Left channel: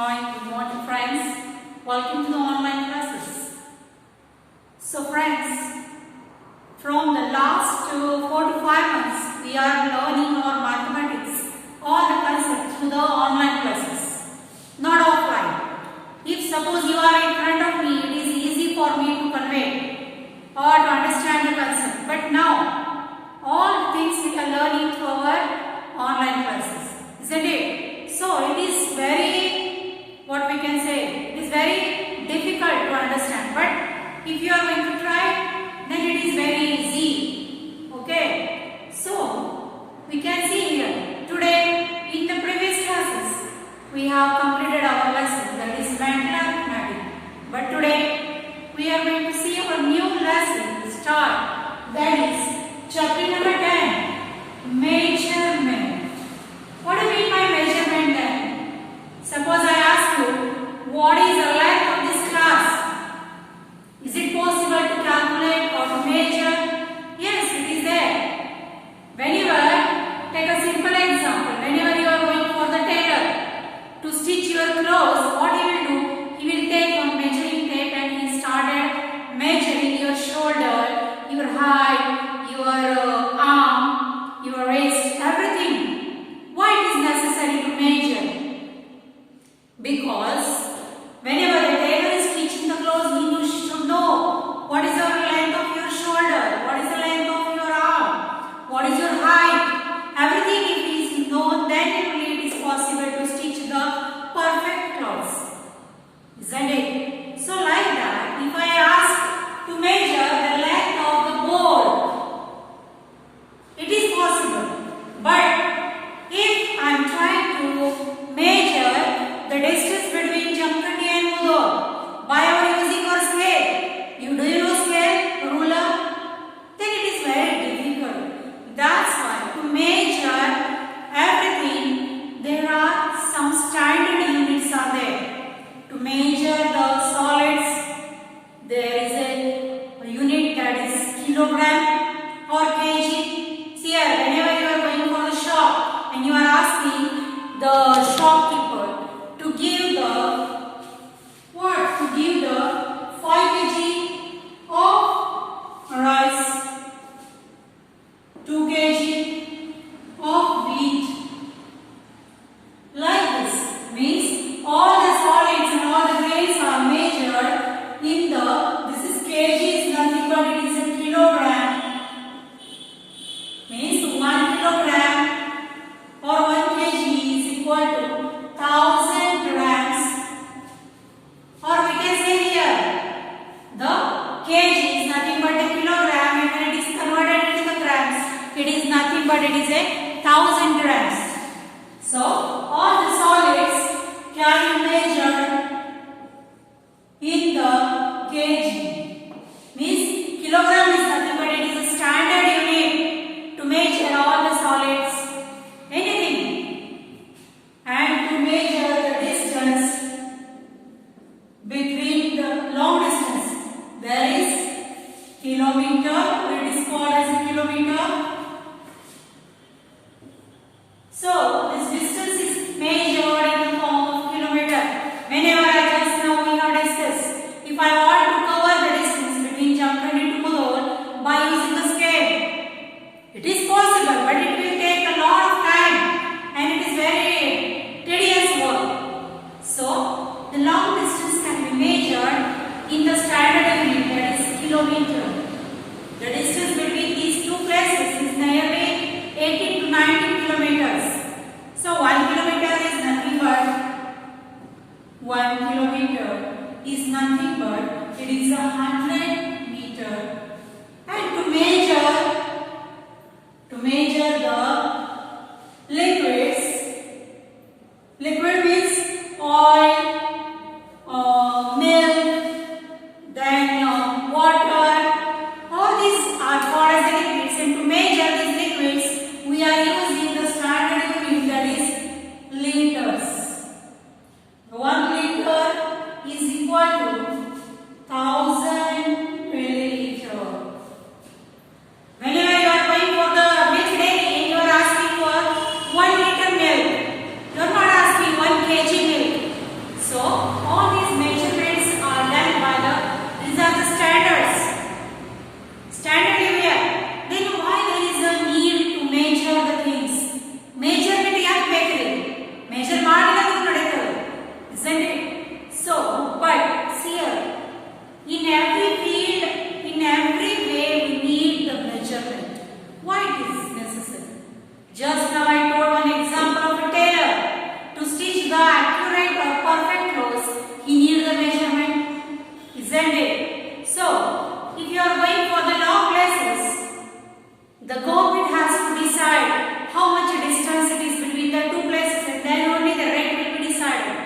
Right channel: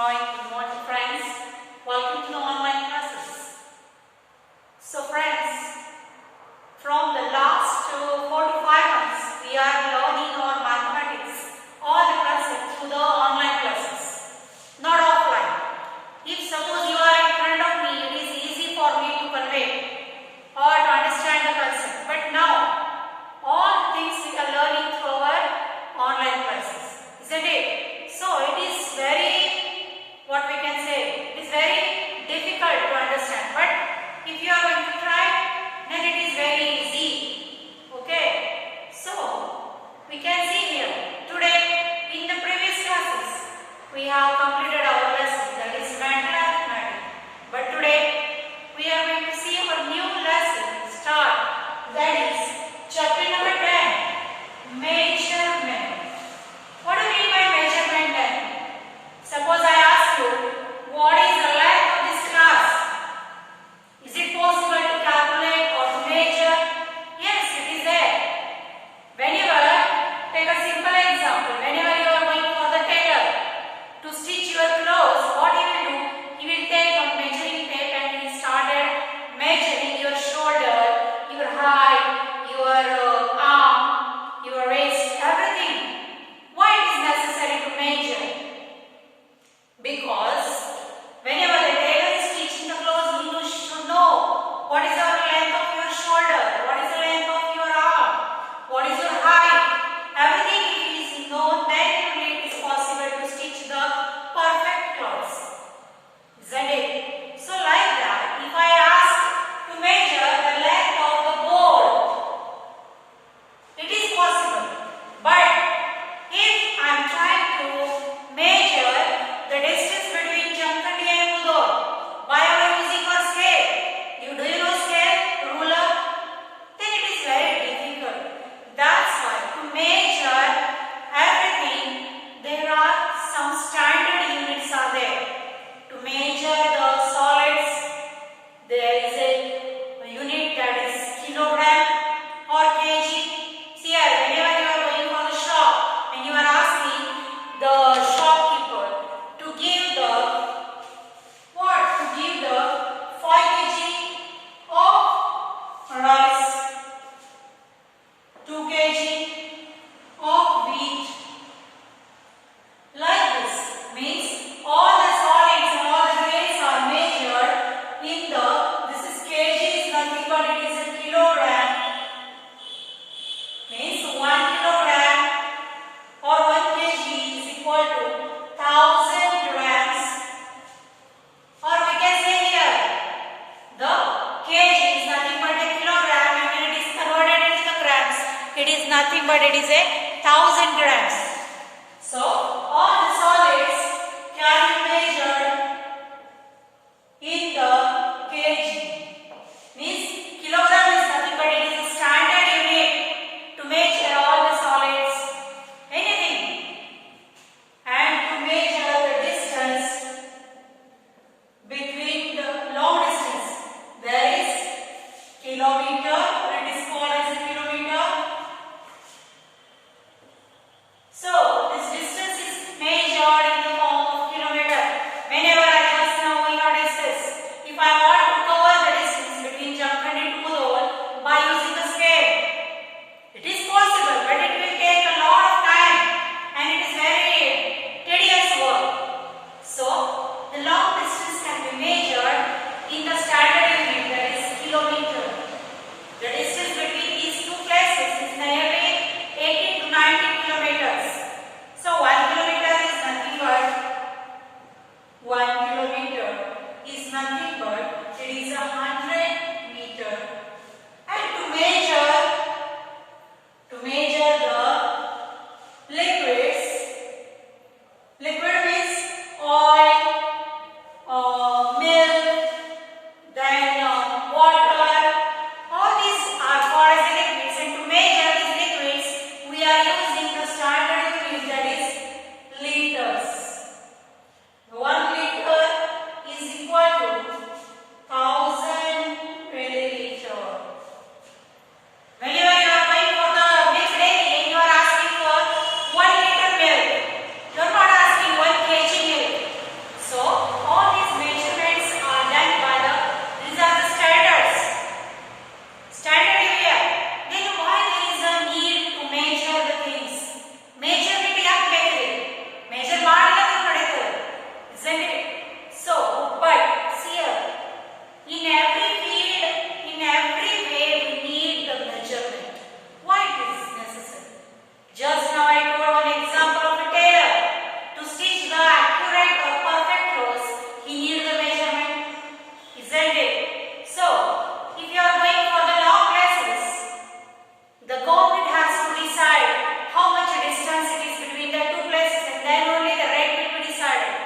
Hi, good morning friends. Welcome to the online classes. So friends, from the last 4 to 5 months, we are learning our mathematics, all the concepts through the online classes, not offline. If suppose you are in front of me, it is easy for me to convey or to understand the concept. But now, all things we are learning through our online classes, isn't it? So it is very, what we can say, it is very difficult to understand. But if you are going to try, then it is very easy. Okay. So we can see here today in the previous classes we have completed our lesson, that is mental arithmetic. But today we are going to see our new lesson start, that is chapter number 10, measurement. What do you mean by measurement then? Suppose I ask you, what is the length of this class? Is it possible to calculate or to measure? Yes, it is there. Whenever, take a simple example, whenever you are going for the tailor to stitch your clothes, what he will do? He will take one measuring tape and he started measuring your shoulder, your height, your arm, your waist, everything. Why it is necessary to measure? Because whenever the tailor is stitching the clothes, he should know what is the length of your shoulder, what is the length of your arm, what is your height. Everything if it is known, then only it is possible to stitch the perfect clothes. Isn't it? So like that, if I ask to measure the length of the board, it is possible. But if I am trying to measure the distance between Jamkhandi and Mudhol by our using our scale, do you know scale, ruler? Then it is very difficult. That's why to measure everything, there are some standard units are there. To measure the solids, there is a unit that is kilogram or kg. See here, whenever you are going for the shop and you are asking the shopkeeper to give the 5 kg of rice, 2 kg of wheat, like this. Means all the solids and all the grains are measured in this is kg is nothing but it is a kilogram. Means 1 kilogram or 1 kg is equal to 1000 grams, or we can say here the kg is nothing but a kilogram, and when it is converted into the grams, it is nothing but it is a 1000 grams. So all the solids can be measured in the kg. Means kilogram is nothing but it is a standard unit to measure all the solids, anything. And to measure the distance between the long distance, there is kilometer, it is called as a kilometer. So this distance is measured in the form of kilometer. Whenever I just now we have discussed, if I want to cover the distance between Jamkhandi to Mudhol by using the scale, it is possible, but it will take a lot of time and it is very tedious work. So the long distance can be measured in the standard unit, that is kilometer. The distance between these two places is nearly 18 to 19 kilometers. So 1 kilometer is nothing but it is 100 meter. And to measure the liquids, liquid means oil, milk, then water. All these are called as liquids, and to measure these liquids, we are using the standard unit, that is liters. 1 liter is equal to 1000 milliliter. measure ಮಾಡಿಲ್ಲ ಅಂದ್ರೆ ನಡೆಯುತ್ತೆ, isn't it? So, but see here, in every field, in every way, we need the measurement. Why it is necessary? Just now I told one example of a tailor. To stitch the accurate or perfect clothes, he needs the measurement, isn't it? So, if you are going for the long places, the government has to decide how much distance it is between the two places, and then only the rate will be decided.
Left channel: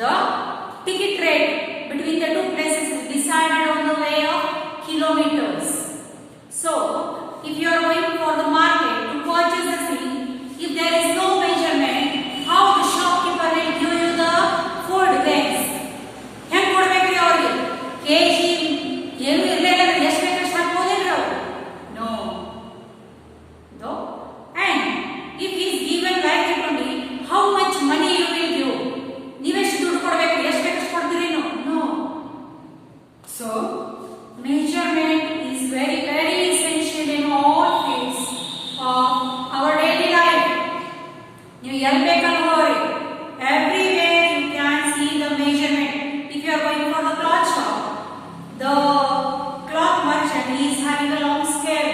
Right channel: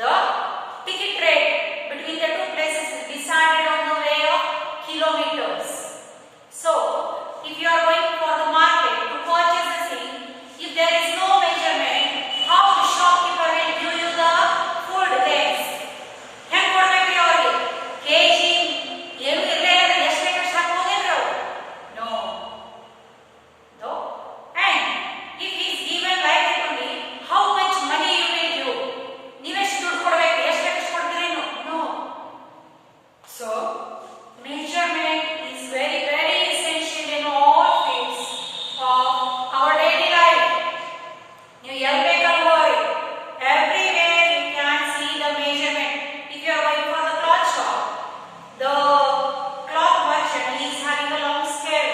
The ticket rate between the two places is decided on the way of kilometers. So, if you are going for the market to purchase the thing, if there is no measurement, how the shopkeeper will give you the food things? ಹೆಂಗ್ ಕೊಡ್ಬೇಕ್ರಿ ಅವ್ರಿಗೆ? KG ಏನು ಇರಲಿಲ್ಲ ಅಂದ್ರೆ ಎಷ್ಟು ಬೇಕಷ್ಟು ಹಾಕ್ಬೋದೇನ್ರಿ ಅವರು? No. No. And if he is given like that only, how much money you will give? ನೀವೆಷ್ಟು ದುಡ್ಡು ಕೊಡ್ಬೇಕ್ರಿ? ಎಷ್ಟು ಬೇಕಷ್ಟು ಕೊಡ್ತೀರೇನು? No. So, measurement is very, very essential in all fields of our daily life. You ಎಲ್ಲಿ ಬೇಕಲ್ಲಿ ಹೋಗ್ರಿ, everywhere you can see the measurement. If you are going for the cloth shop, the cloth merchant is having a long scale.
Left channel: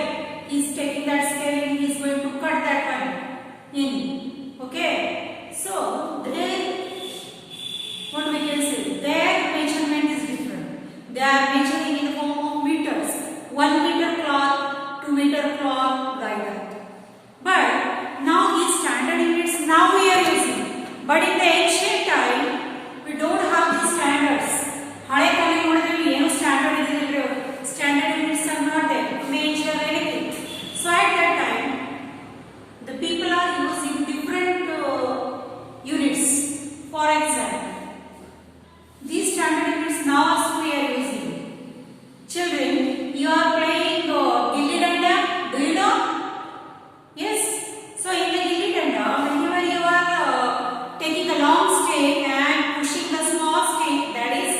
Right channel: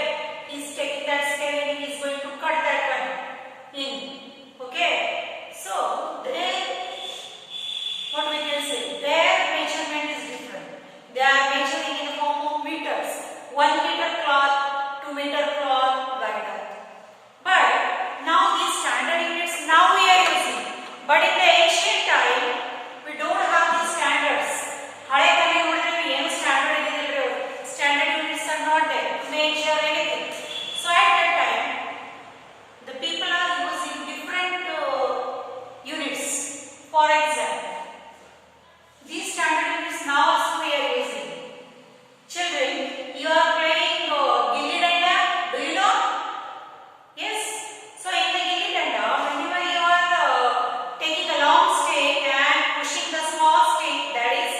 He is taking that scale and he is going to cut that one in. Okay, so there, what we can say, their measurement is different. They are measuring in the form of meters. 1 meter cloth, 2 meter cloth, like that. But now these standard units now we are using. But in the ancient time, we don't have these standards. ಹಳೆ ಕಾಲ ನೋಡಿದ್ರೆ ಏನು standard ಇದಿಲ್ಲ, standard units are not there to measure anything. So at that time, the people are using different units. For example, these standard units now also we are using. Children, you are playing gilli danda. Do you know? Yes. So in the gilli danda, whenever you are taking a long stick and pushing the small stick, that is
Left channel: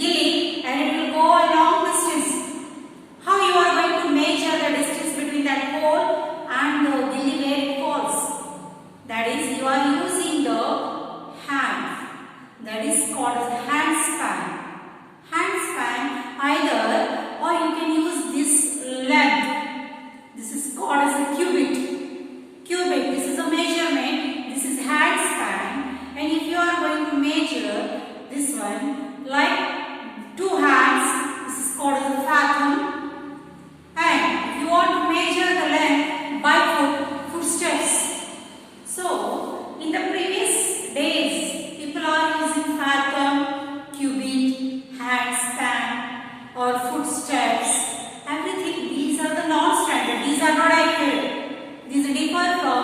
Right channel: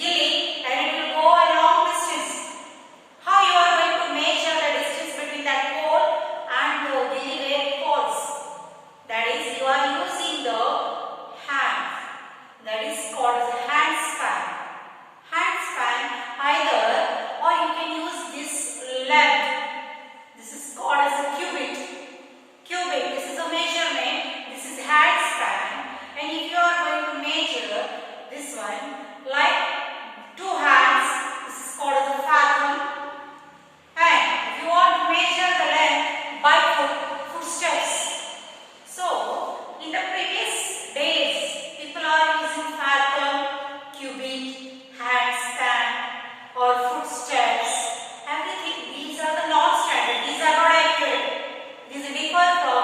gilli, and it will go a long distance. How you are going to measure the distance between that pole and the gilli where it falls? That is, you are using the hand. That is called as hand span. Hand span either, or you can use this length. This is called as a cubit. Cubit. This is a measurement. This is hand span. And if you are going to measure this one like 2 hands, this is called as a fathom. And if you want to measure the length by footsteps. So, in the previous days, people are using fathom, cubit, handspan, or footsteps. Everything, these are the non-standard. These are not accurate. These differ from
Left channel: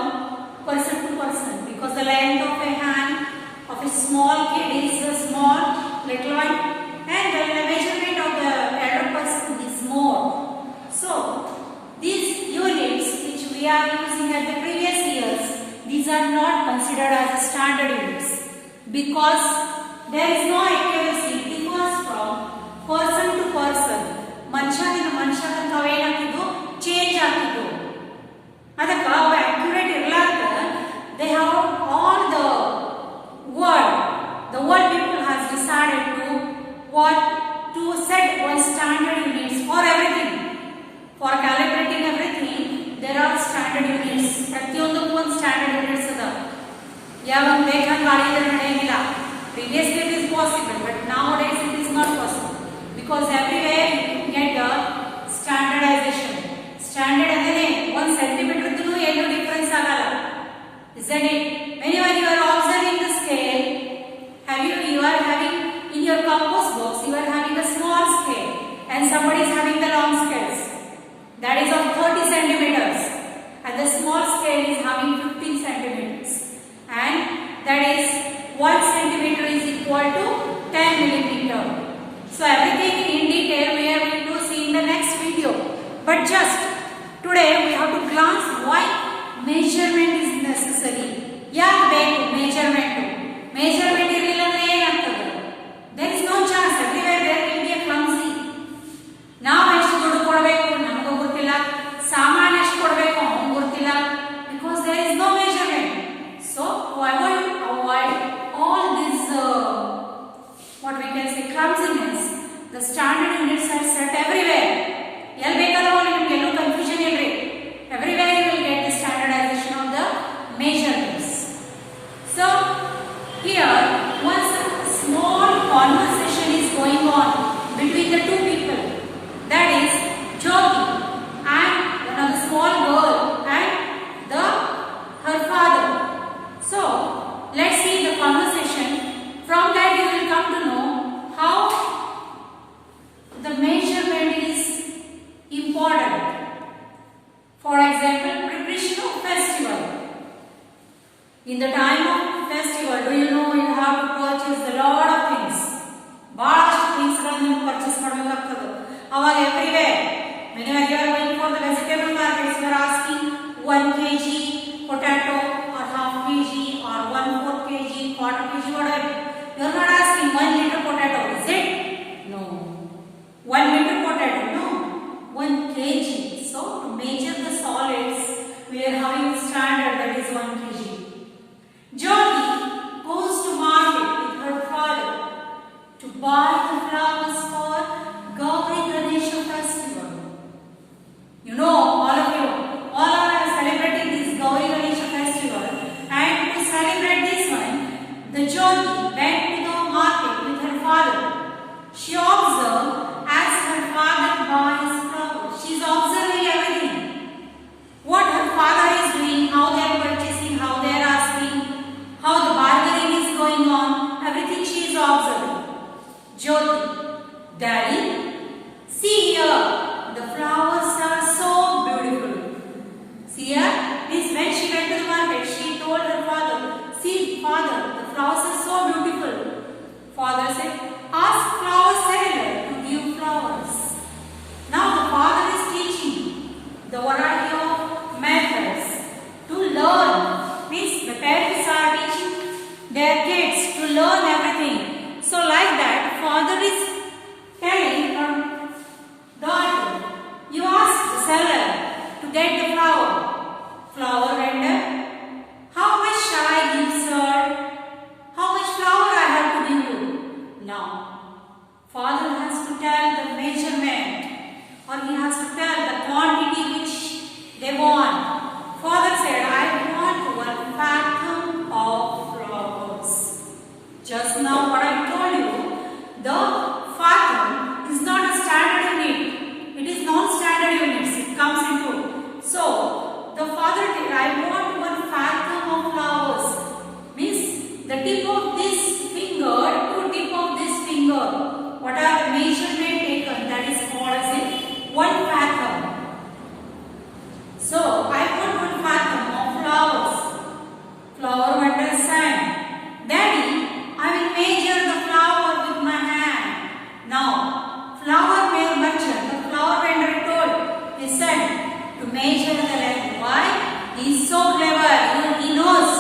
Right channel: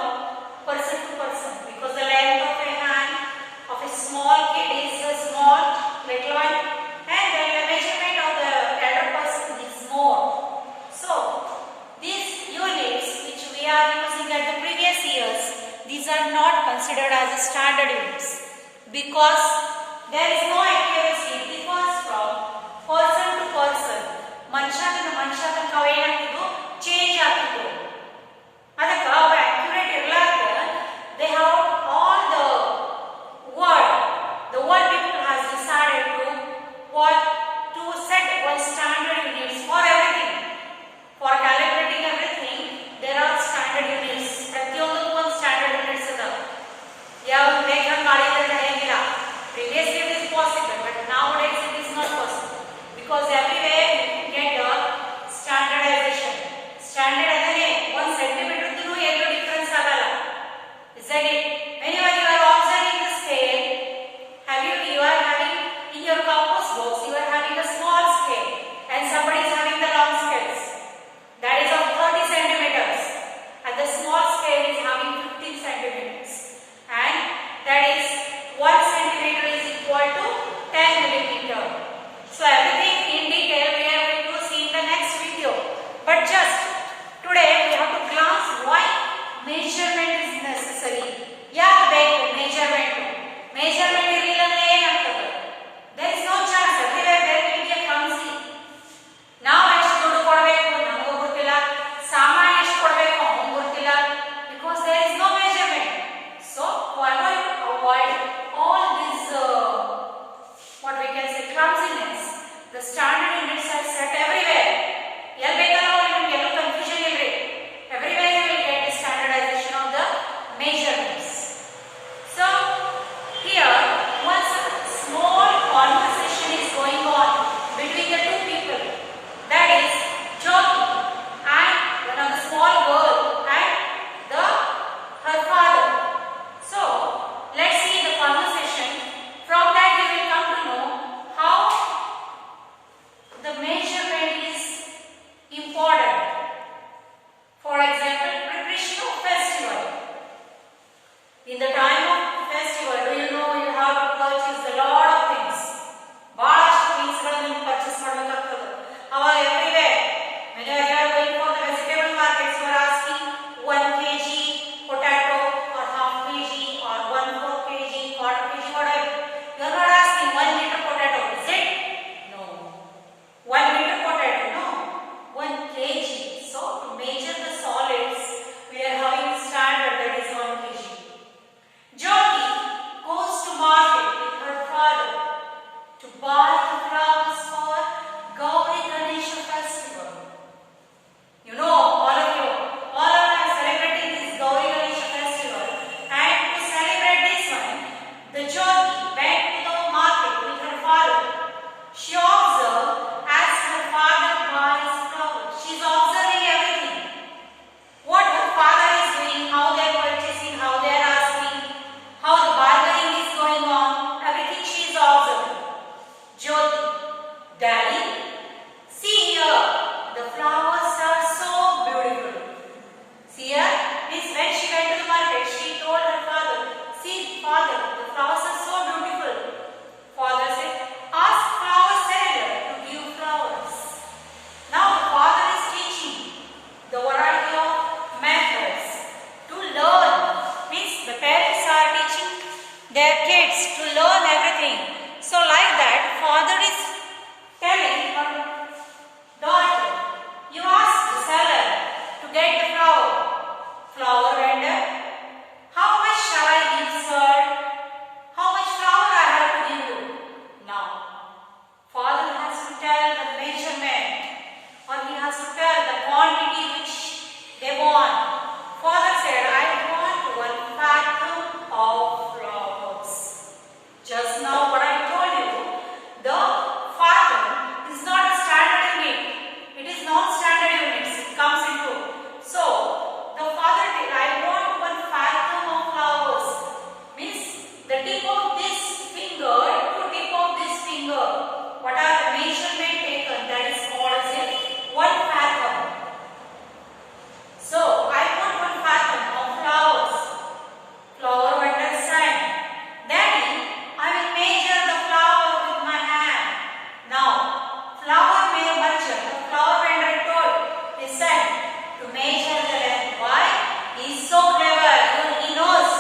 person to person because the length of a hand of a small kid is a small little one, and the measurement of the elder person is more. So, these units which we are using at the previous years, these are not considered as a standard units because there is no accuracy. It differs from person to person. ಮನುಷ್ಯನಿಂದ ಮನುಷ್ಯ ತನಕ ಅವು ಏನಾಗ್ತಿದ್ವು, change ಆಗ್ತಿದ್ವು. ಅದಕ್ಕೆ ಅವು accurate ಇರಲಾರ್ದ they have all the world people has decided to what to set one standard units for everything. For calibrating everything, there are standard units. ಪ್ರತಿಯೊಂದಕ್ಕೂ ಒಂದು standard units ಅದ. ಯಾವ ಬೇಕಂತ ಮಾಡಿದ್ರೆ ನಡೆಯಂಗಿಲ್ಲ. Previously it is possible, but nowadays it is not possible because everywhere you get a standardization. Standard ಅಂದರೆ 1 centimeter ಇದ್ರೂ ಎಲ್ಲೂ difference ಆಗಲ್ಲ. Isn't it? Whenever you are observing the scale, you are having in your compass box, you are having a small scale and somebody is having the long scales. That is of 30 centimeters and the small scale is having 15 centimeters. And that is 1 centimeter is equal to 10 millimeter. So everything in detail we are going to see in the next video. But just today we have to glance why measurement is necessary. ಯಾಕೆ ಬೇಕು measurement? Measurement ಇರಲಿಲ್ಲ ಅಂದ್ರೆ ಏನಾಗ್ತದೆ? There is no chance. Everywhere there will be a clumsy. ನಾವು ಎಷ್ಟು ದುಡ್ಡು ಕೊಡಬೇಕು ನಮಗೂ ಗೊತ್ತಿಲ್ಲ, ಸಾಮಾನು ಎಷ್ಟು ಕೊಡಬೇಕು ಅವನಿಗೂ ಗೊತ್ತಿಲ್ಲ because there is no measurement. So what we can say clumsiness, the standard units are set everywhere. ಎಲ್ಲಿ ಬೇಕಲ್ಲ ಹೋಗಿ ನಿಮಗೆ ಎಲ್ಲೂ ಕನ್ಫ್ಯೂಷನ್ ಇಲ್ರಿ. Everywhere you will get the standardization of the measurements. So here one small conversation is going on between the two people, that is Jyoti and one of the small girl and her father. So let's see the conversation. From that we will come to know how the measurement is important. For example, preparation of festival. In the time of festival, do you know you have to purchase a lot of things. Balastu things ಗಳನ್ನು purchase ಮಾಡಬೇಕಾಗ್ತದೆ. ಅವಾಗ everywhere, whenever you are going for the vegetable markets, you are asking 1 kg potato or half kg or 1/4 kg, quarter kg, whatever. You are not asking 1 liter potato, is it? No. 1 liter potato, no. 1 kg. So to measure the solids, we are having a standard that is 1 kg. Jyoti goes to market with her father to buy the flowers for Gauri Ganesha festival. You know, all of you, all are celebrating this Gauri Ganesha festival, and to celebrate this one, the Jyoti went to the market with her father. She observed as her father buys flowers. She is observing everything. What her father is doing, how they are purchasing, how they are asking, how the bargaining is going on, everything she is observing. Jyoti, Daddy, see here, the flowers are so beautiful. See here, means when she went to the market, she told her father, see father, the flowers are so beautiful. Father said, ask flower seller to give flowers. Now the father is teaching the variety of methods to learn. Means the parents are teaching their kids to learn everything. So like that, father is telling her daughter, you ask the seller to get the flower vendor, how much shall I give, sir? How much flower I have to give you? Now, father has to tell the measurement, or he has to tell the quantity which they want. Father said, I want 1 fathom of flowers. Just now what I told you, the fathom is not a standard unit. It is non-standard units. It comes into. So, the father said, I want 1 fathom of flowers. Means the tip of this finger to tip of this finger. What are the measurement taken? That is called as 1 fathom. So, I want 1 fathom of flowers. Flower vendor sang, Daddy, I will measure the flower with my hand. Now, flower merchant, the flower vendor told his son to measure the length. Why? He is so clever. He knows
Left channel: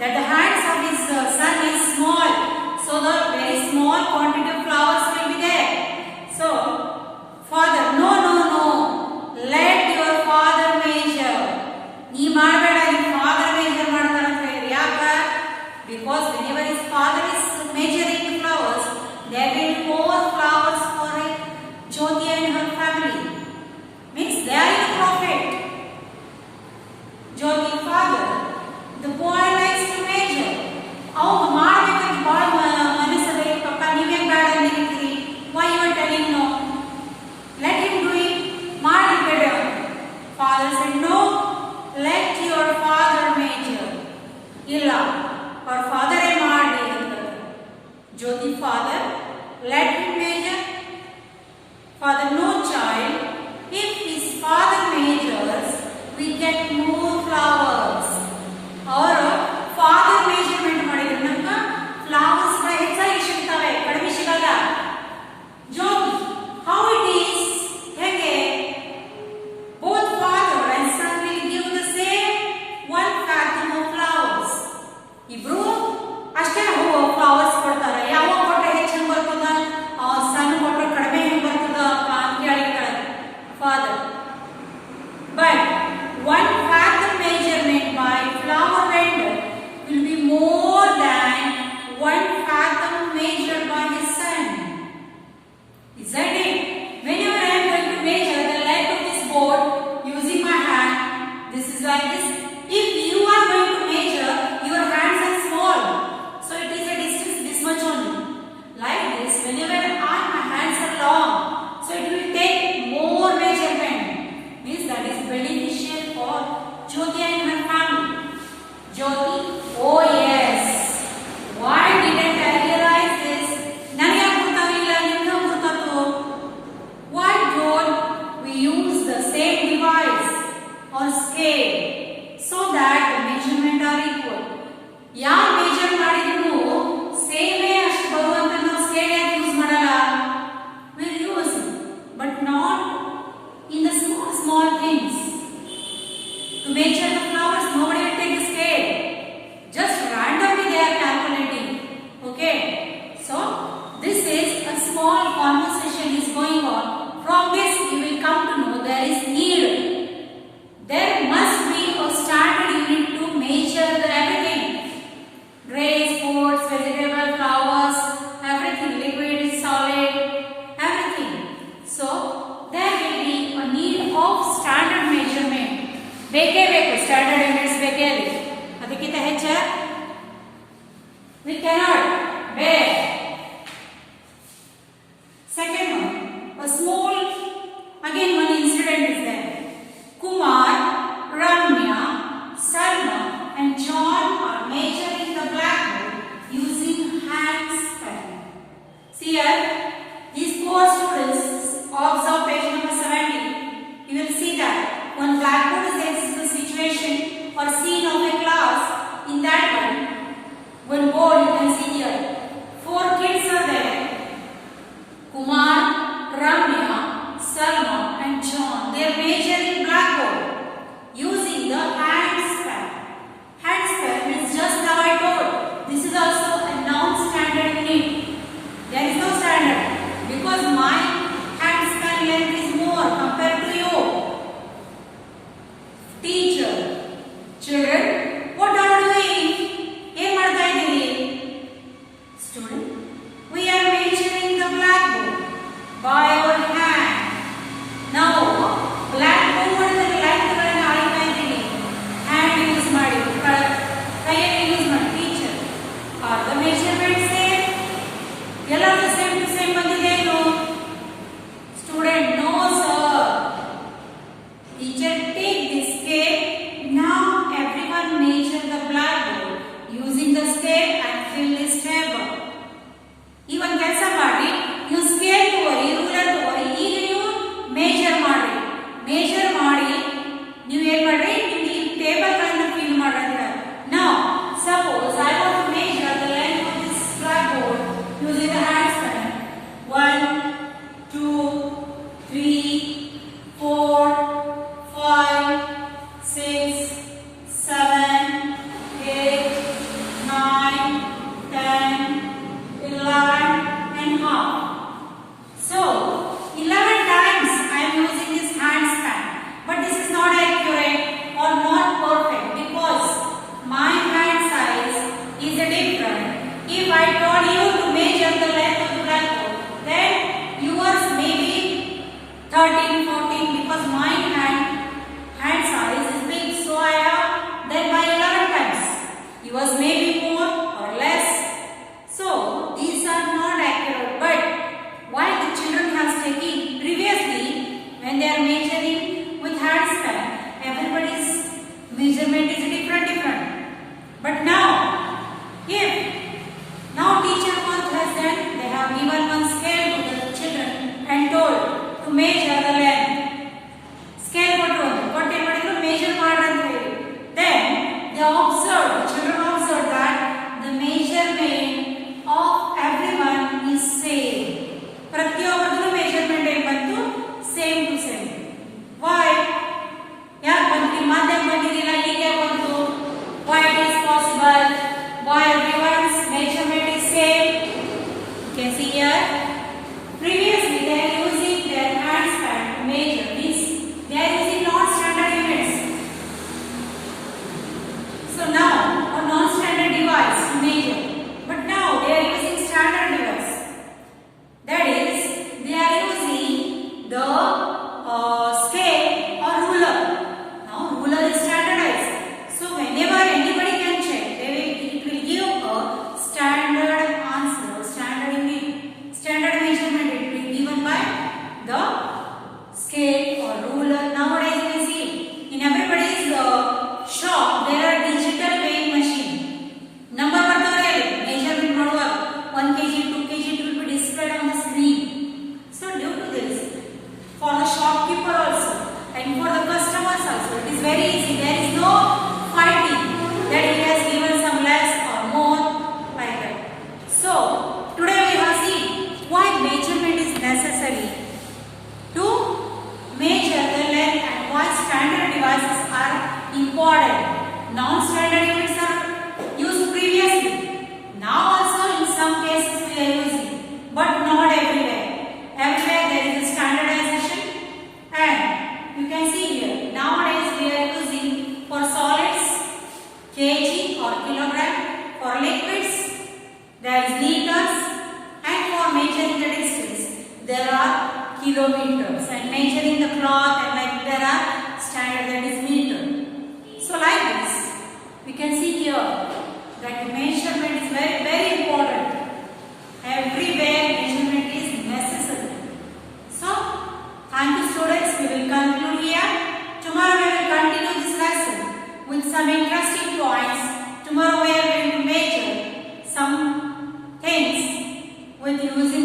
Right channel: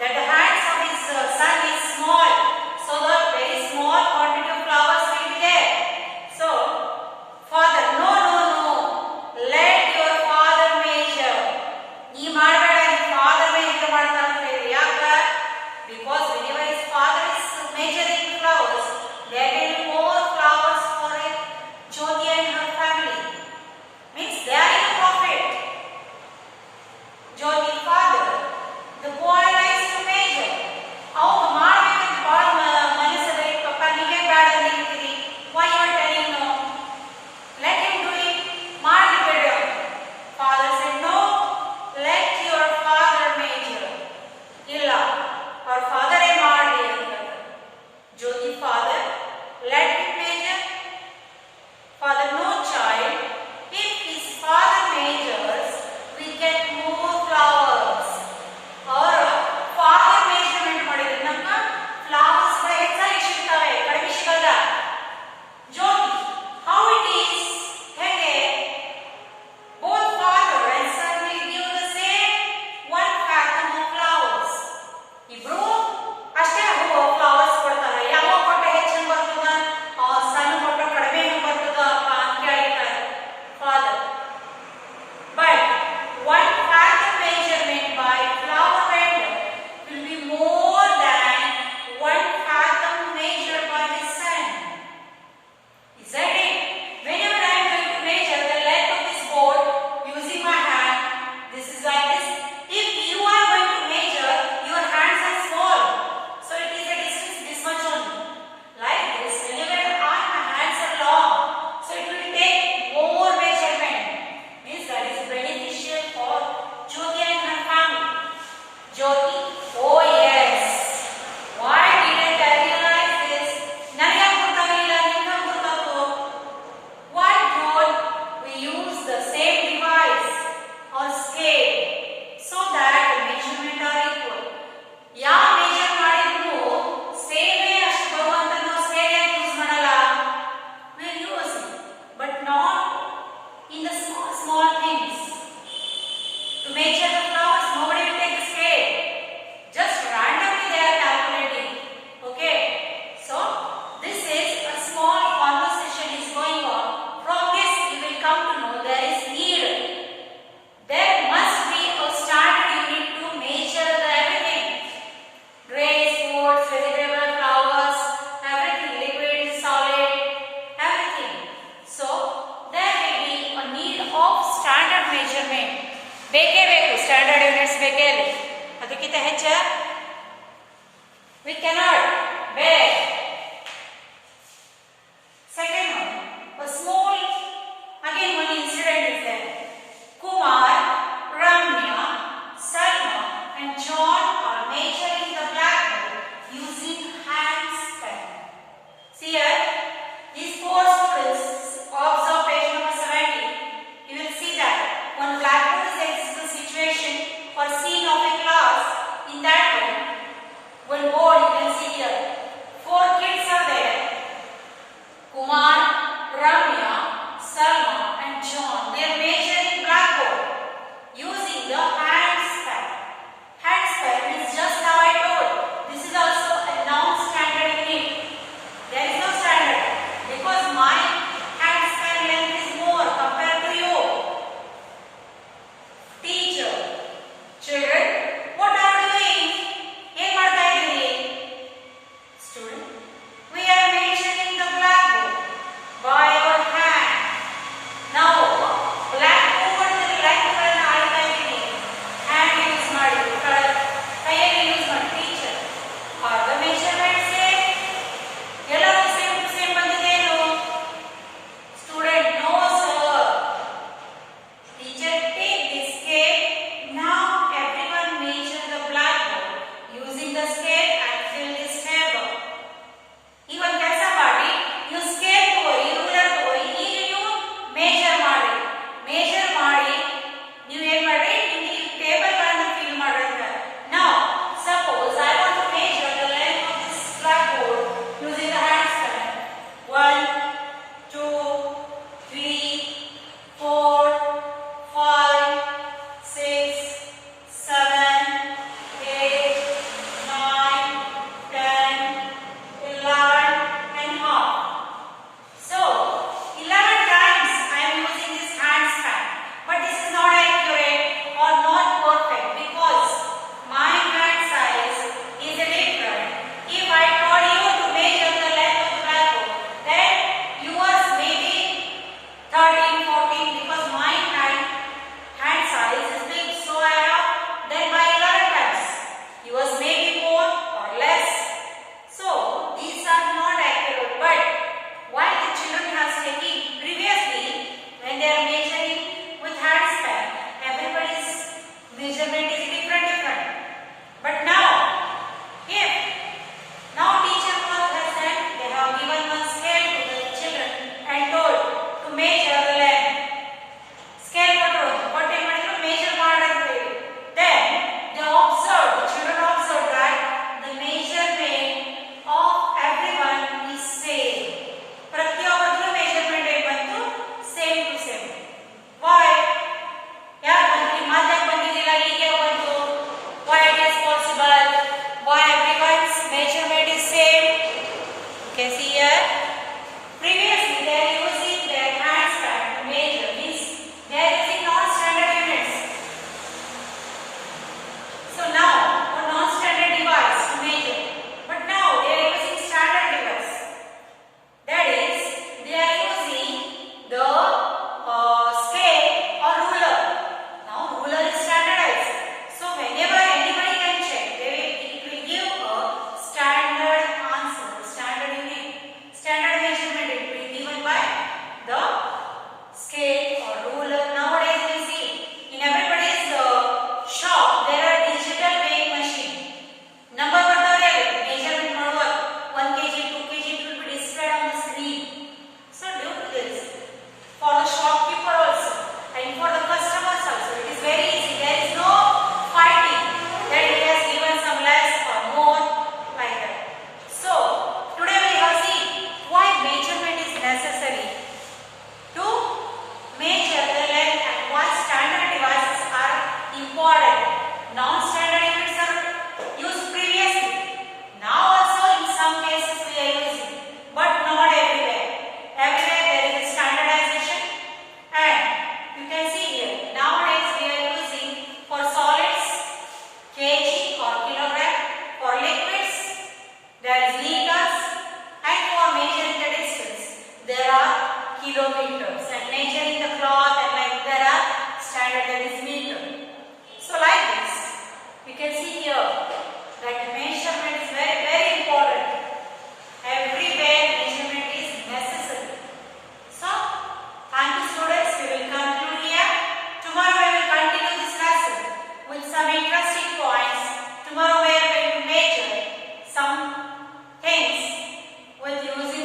that the hands of his son is small. So, the very small quantity of flowers will be there. So, father, no. Let your father measure. He ಮಾಡಬೇಡ, ನಿಮ್ಮ father measure ಮಾಡ್ತಾರೆ ಅಂತ ಹೇಳಿ. ಯಾಕೆ? Because whenever his father is measuring the flowers, there will be more flowers for Jyoti and her family. Means they are in a profit. Jyoti father, the boy likes to measure. ಅವಾಗ ಮಾಡಬೇಕಂತ ಭಾಳ ಮನಸ್ಸಲ್ಲಿ ಪಪ್ಪ ನೀವೇ ಬೇಡ ಅಂದಿರ್ತೀರಿ. Why you are telling no? Let him do it. ಮಾಡಲಿ ಬೇಡ. Father said, no, let your father measure. ಇಲ್ಲ, ಅವ್ರ ಫಾದರೇ ಮಾಡಲಿ ಅಂತ. Jyoti father, let him measure. Father, no child. If his father measures, we get more flowers. ಅವರು father measurement ಮಾಡಿದ್ರೆ ನಮ್ಗೆ flowers ಹೆಚ್ಚಾಗಿ ಸಿಗ್ತವೆ, ಕಡಿಮೆ ಸಿಗಲ್ಲ. Jyoti, how it is? ಹೇಗೆ? Both father and son will give the same 1 fathom of flowers. ಇಬ್ರು ಅಷ್ಟೇ ಫ್ಲವರ್ಸ್ ಕೊಡ್ತಾರೆ. ಯಾವ ಕೊಟ್ಟರೆ ಹೆಚ್ಚು ಹೆಂಗೆ ಬರ್ತದ, ಸಣ್ಣ ಕೊಟ್ಟರೆ ಕಡಿಮೆ ಹೆಂಗೆ ಬರ್ತದ ಅಂತ ಕೇಳಿರ್ತಾರೆ father. But 1 fathom Jyoti? Oh yes. Why didn't I realize this? ನನಗೆ ಗೊತ್ತಾಗಿಲ್ಲ, ನಿಮಗೆ ಗೊತ್ತಾಯ್ತು. Why don't we use the same device or scale so that the measurement are equal? ಯಾರು ಮೇಜರ್ ಮಾಡಿದ್ರು ಸೇಮೇ ಅಷ್ಟು ಬರುವಂತ ನಾವು ಸ್ಕೇಲ್ ಯಾಕೆ ಯೂಸ್ ಮಾಡಲ್ಲ? We use but not in the small things. To measure the flowers, nobody will take the scale. Just randomly they are calculating. Okay. So this is a small conversation is going on. From this you will come to know there is need. There must be a standard unit to measure the everything. Grains, fruits, vegetables, flowers, everything, liquid, solid, everything. So there will be a need of standard measurement. ಬೇಕೇ ಬೇಕು, standard units ಬೇಕೇ ಬೇಕು. ಅದಕ್ಕಿಂತ ಹೆಚ್ಚ we cannot bear. Second one, a small, again one incident is there. Kumar, Ramya, Salma and John are measuring the blackboard using hand span. See here, these four students, observe page number 70. You will see that one blackboard is there. This is the situation or scene of a class. In that room, one board you can see here. Four kids are there. Kumar, Ramya, Salma and John. They are measuring blackboard using the hand span. Hand span is just how I told. This is also a non-standard unit. There is no standard because my hand span length is more compared to you. Teacher, children, what are you doing? ಏನು ಮಾಡ್ತಾ ಇದ್ದೀರಿ? Student, we are measuring the blackboard by our hand. ನಾವು blackboard line ಗಳನ್ನು ಅಳಿತಾ ಇದ್ದೀವಿ. Hand use ಮಾಡಿ, ಕೈಯಲ್ಲಿ use ಮಾಡಿ. Teacher, are the measurements same? ಎಲ್ಲರೂ ಸೇಮ್ ಟು ಸೇಮ್ ಬಂದಿದೆಯೇನು? Student, no sir. Teacher, take this scale. Now everyone measure the blackboard using the scale and fill this table. Even ಕೆಲಸ ಮಾಡಿ, ನೀವು scale ತಗೋರಿ, ruler ತಗೋರಿ, ಈಗ ನೀವು ಮೇಜರ್ ಮಾಡ್ರಿ. ಮೇಜರ್ ಮಾಡಿ ನೀವು ಏನು ಮಾಡ್ರಿ, ನಿಮ್ಗೆ ಈ ಟೇಬಲ್ ಗಳನ್ನು ಫಿಲ್ ಮಾಡ್ರಿ. Now suppose I want to measure the length of this blackboard using the hand span. 1, 2, 3, 4, 5, 6, 7, 8, 9, 10, 11 and half. So 11 times I am using this hand span, but this is not accurate or not perfect because my hand size is different. If I told you to measure the length of the blackboard, then yours may be 13, 14 because my hand size is big, so I have then by 11 times. Yours may be more or less. So these are not accurate. But why the children have taken previously when they are measuring with hand span, everybody's measurement is different. But now, if now teacher has said they have given one scale to the children and told to measure the length. Scale what measure then they observed, the children observed that the measurement of everyone is same. ಪ್ರತಿಯೊಬ್ಬರದು measurement ಬಂತು same to same. Why? ಯಾಕೆ ಬಂತು? ಮಧ್ಯ ಬಂದಿರಲಿಲ್ಲ, ಈಗ ಬಂತು. Why it is possible? Why everyone's measurement is same? You can see here. Previously they are using their hand span or kilogram. For liquids, there is liters, and for measuring the distance, there are kilometers, and measuring the cloth and like there are standard, that is meter. So like this, we can see here that the measurement is very important. Everywhere measurement is necessary. So thank you students, we will conclude here. Tomorrow we will continue this lesson with some interesting points. Tomorrow we are going to measure some things with using